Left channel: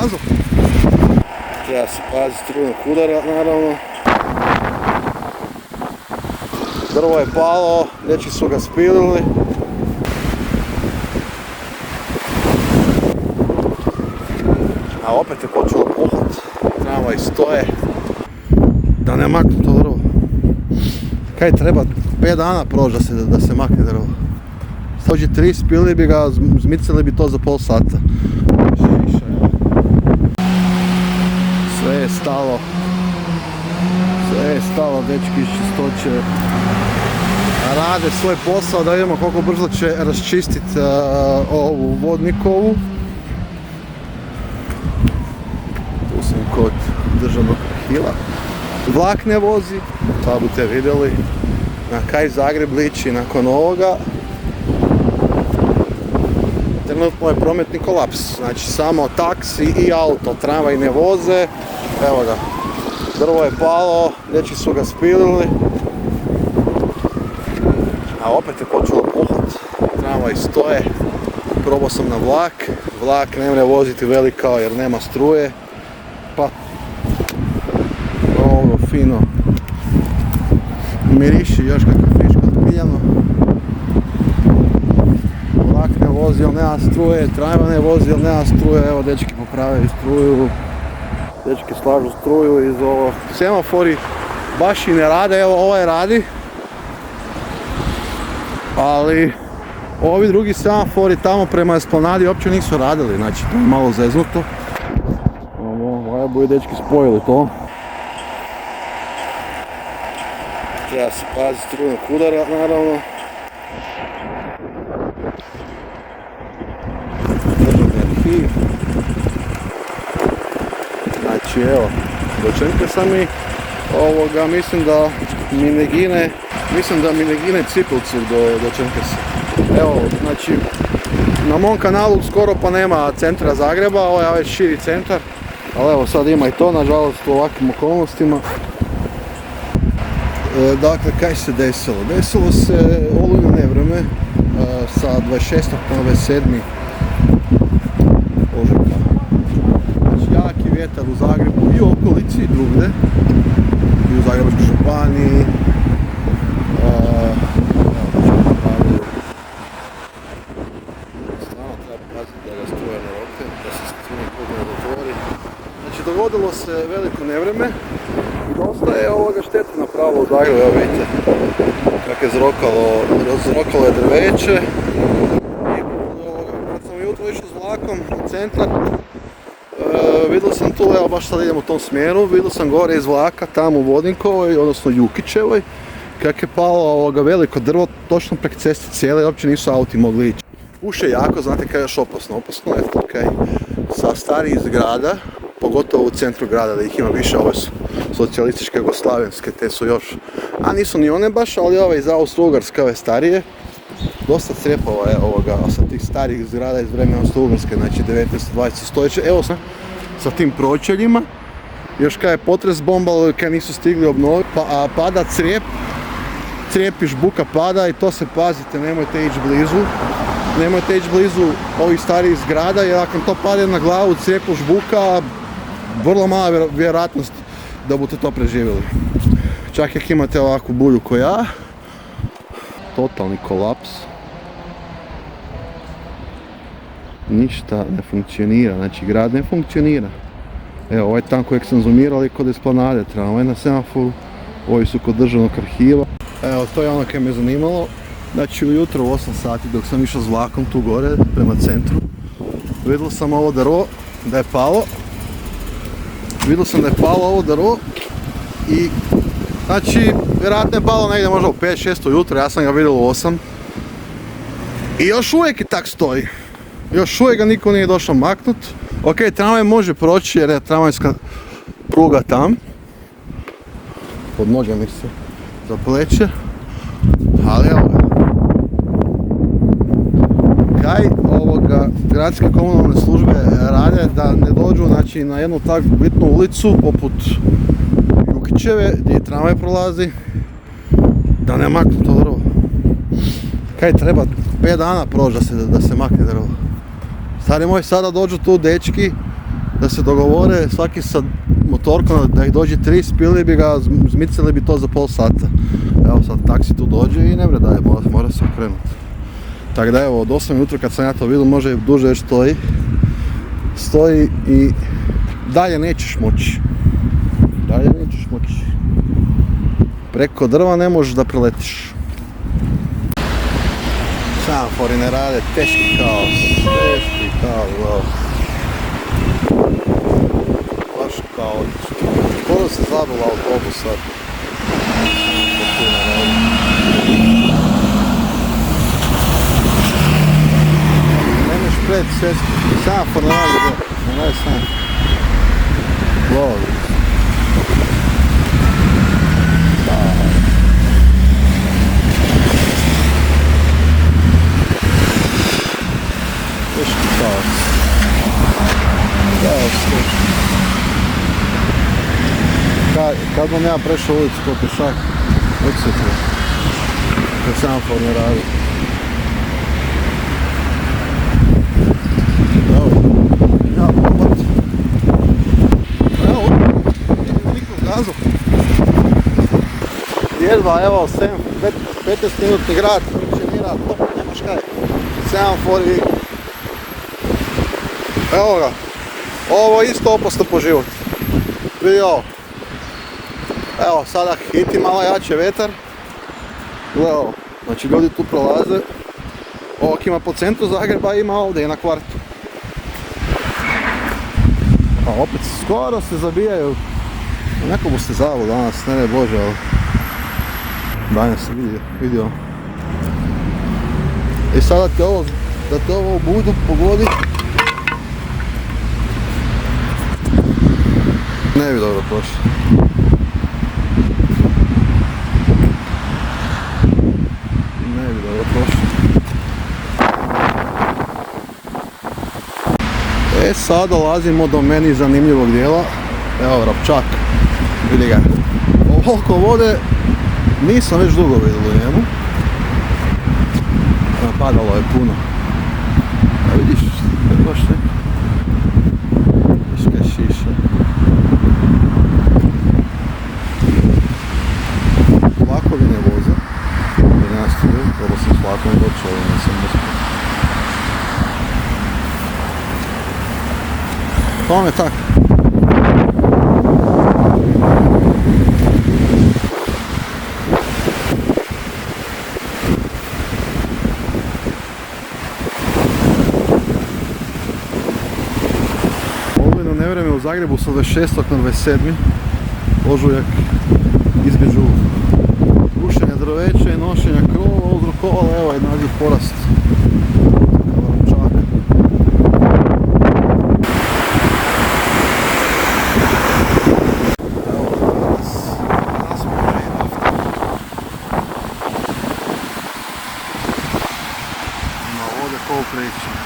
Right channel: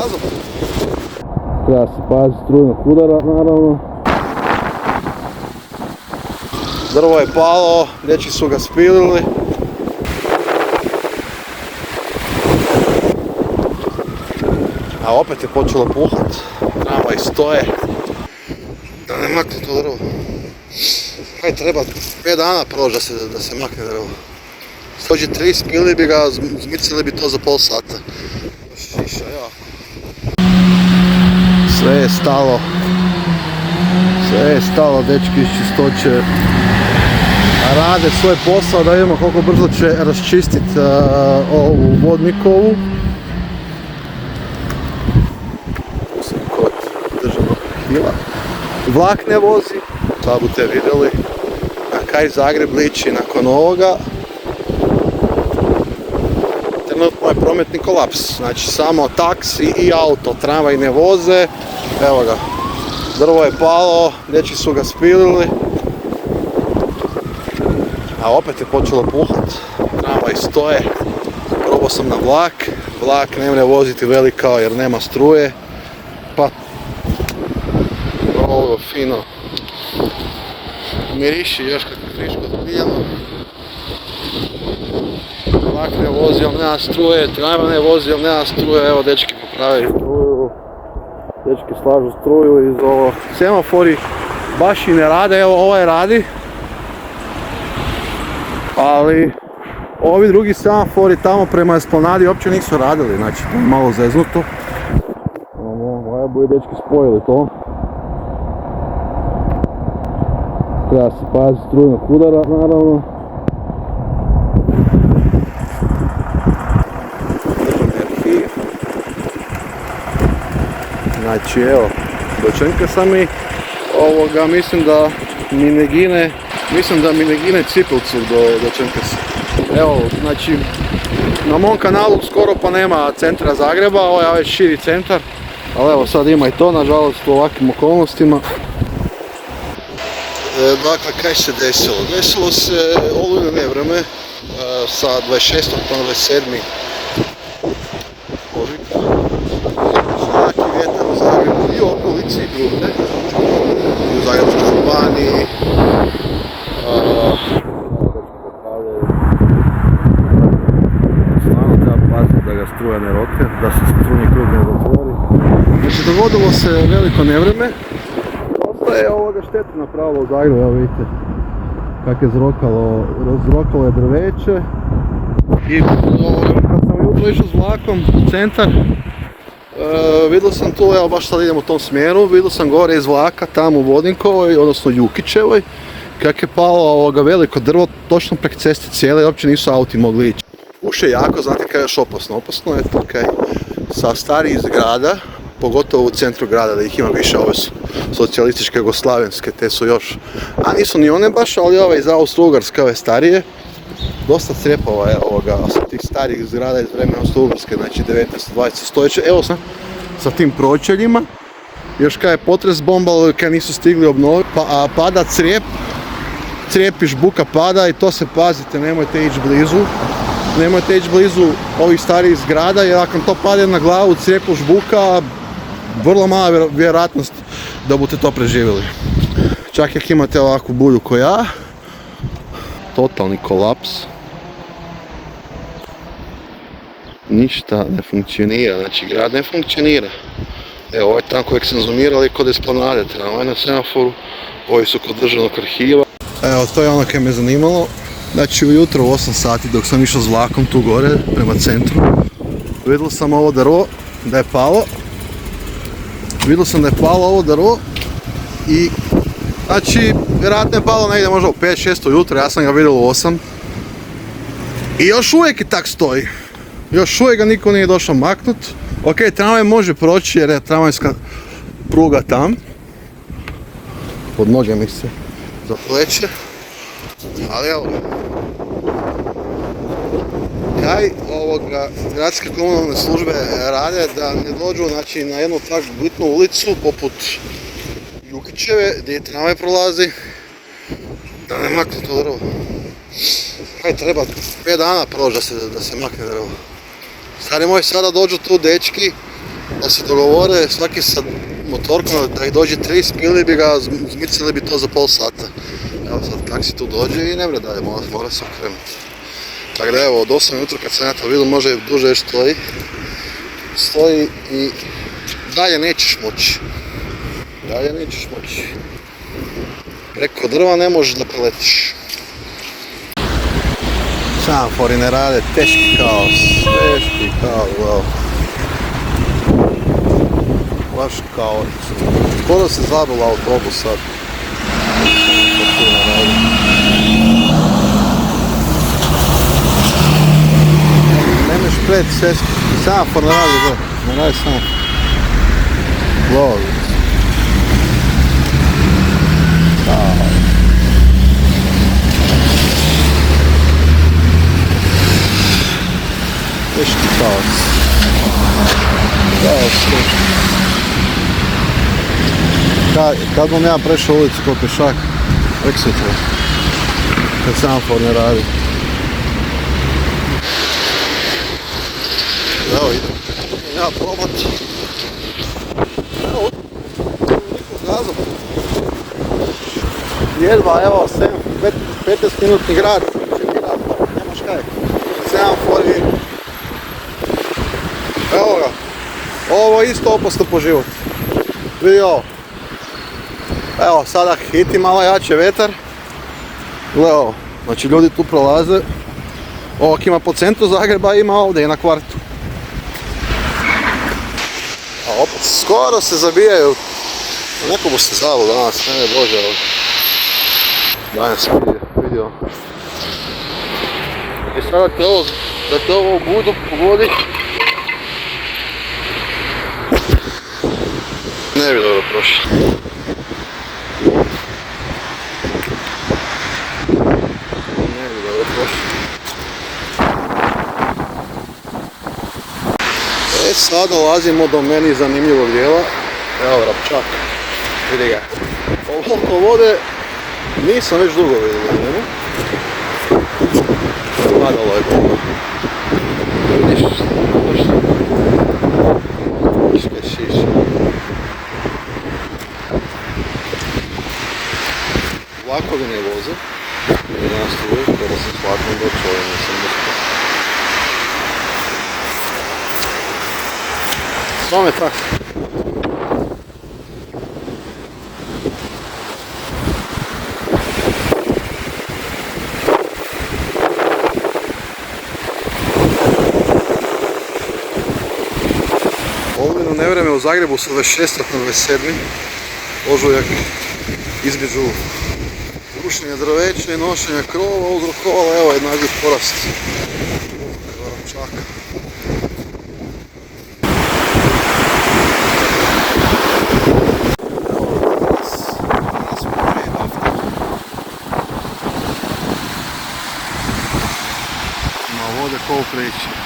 pokazao. Treba se paziti strujnog udara, naravno. Drvo je palo, dečki su ga spilili. A opet je počelo puhat. Tramvaj stoje. Da ne makne to drvo. Kaj treba 5 dana proći da se makne drvo. Dođe 3, spili bi ga, zmicili bi to za pol sata. Šiša, ja. Sve je stalo, dečki iz čistoće rade svoj posao, da vidimo koliko brzo će raščistiti ovu vodnikovu. Tu sam kod državnog arhiva. Vlak ne vozi, sad budete vidjeli na kaj Zagreb liči nakon ovoga. Trenutno je prometni kolaps, znači samo taksi i auto, tramvaj ne voze. Evo ga, drvo je palo, dečki su ga spilili. A opet je počelo puhat, tramvaj stoje. Probao sam na vlak ne može voziti velikao jer nema struje. Pa ovo fino miriši još kako je friško pijano. Vlak ne vozi, ali nema struje, tramvaj ne vozi, ali nema struje. Evo dečki popravili struju, dečki slažu struju iz ovo. Semafori baš i ne rade, evo ovaj radi. Ali ovi drugi semafori tamo prema Esplanadi uopće nisu radili, znači to je malo zeznuto. Ovo je dečki spojili to. Treba se paziti strujnog udara, naravno. Državni arhiv. Znači evo, dočekaj sam i ovoga, mislim da Minegine Cipilcu do Čenkersa. Evo, znači, na mom kanalu skoro pa nema centra Zagreba, ovo je ovaj širi centar, ali evo sad ima i to, nažalost, u ovakvim okolnostima. Dakle, kaj se desilo? Desilo se olujno nevrijeme sa 26. na 27. ožujka. Jaki vjetar u Zagrebu i u okolici i drugdje. I u Zagrebačkoj županiji. Stvarno treba paziti da ga struja ne roke, da se strujni krug ne zatvori. Znači dogodilo se veliko nevrijeme. Dosta je ovoga šteta napravilo u Zagrebu, evo vidite kako je zrokalo je drveće. I kad sam ujutro išao s vlakom u centar, vidio sam tu, evo baš sad idem u tom smjeru, vidio sam gore iz vlaka tamo u Vodinkovoj, odnosno Jukićevoj, kako je palo veliko drvo točno prek ceste cijele i uopće nisu auti mogli ići. Puše jako, znate kaj je još opasno? Opasno je to kaj sa starijih zgrada, pogotovo u centru grada da ih ima više, ove su socijalističke, jugoslavenske, te su još, a nisu ni one baš, ali ove iz Austro-Ugarske, ove starije, dosta crjepova je ovoga sa tih starijih zgrada iz vremena Austro-Ugarske, znači 19. 20. stoljeće. Evo sa tim pročeljima, još kad je potres bombalo, kad nisu stigli obnoviti, pa pada crijep i žbuka pada i to se pazite, nemojte ići blizu ovih starijih zgrada, jer ako to padne na glavu, crijepu žbuka, vrlo mala vjerojatnost da budete to preživjeli. Čak jak imate ovakvu bulju ko ja, totalni kolaps. Ništa ne funkcionira, znači grad ne funkcionira. Evo, ovo je tam kojeg sam zoomirali kod Esplanade, tramvaj na semaforu, ovi su kod državnog arhiva. Evo, to je ono kaj me zanimalo. Znači, ujutro u 8 sati dok sam išao s vlakom tu gore, prema centru, vidio sam ovo drvo, da je palo. Ovo drvo i, znači, vjerojatno je palo negdje možda u 5-6 ujutro, ja sam ga vidio u 8. I još uvijek i tak stoji. Još uvijek ga niko nije došao maknut. Ok, tramvaj može proći jer je tramvajska pruga tam. Pod noge mi se zapleće. Ali evo ga. Kaj gradske komunalne službe rade da ne dođu, znači, na jednu takvu bitnu ulicu poput Jukićeve gdje tramvaj prolazi, da ne makne to drvo. Kaj treba 5 dana proći da se makne drvo. Stari moj, sada dođu tu dečki da se dogovore svaki sa motorkom da ih dođe 3, spili bi ga, zmicili bi to za pol sata. Evo sad taksi tu dođe i ne vre dalje, mora se okrenuti. Tako da evo, od 8 minuta kad sam ja to vidio, može duže još stoji i dalje nećeš moći. Preko drva ne možeš da preletiš. Semafori ne rade, teški kaos, evo. Baš kaotično. Skoro se zadula autobus sad. Semafor tu ne radi. Nemeš pred sveski, semafor ne radi, ne radi semafor. Lovi. Teški kaos. Kad bom ja prešao ulicu ko pešak, vek sutra, kad semafor ne radi. Evo idem, ja probat. Evo, nikog gazom. Jedva, evo, 15 minutni grad, nemaš kaj. Semafor i... Evo ga, ovo je isto opasno po život. Vidi ovo. Evo, sada hiti malo jače vetar. Gle ovo, znači ljudi tu prolaze. Ovak ima po centru Zagreba, ima ovdje i na kvartu. A opet skoro se zabijaju. Neko bo se zavu danas, ne bože ovo. Danas vidio. I sada da te ovo u budu pogodi. Ne bi dobro prošlo. Sad dolazimo do meni zanimljivog dijela. Evo Vrapčak, vidi ga. Ovoliko vode nisam već dugo vidio u njemu. Padalo je puno. Vidiš, baš viške šiše. Vlakovi ne voze, jer nema struje, probao sam s vlakom doći, ali nisam uspio. Tome tako. Olujno nevreme u Zagrebu sa 26. na 27. ožujak između rušenja drveća i nošenja krova uzrokovalo evo jedan nagli porast Vrapčaka. Ima vode ko u priči.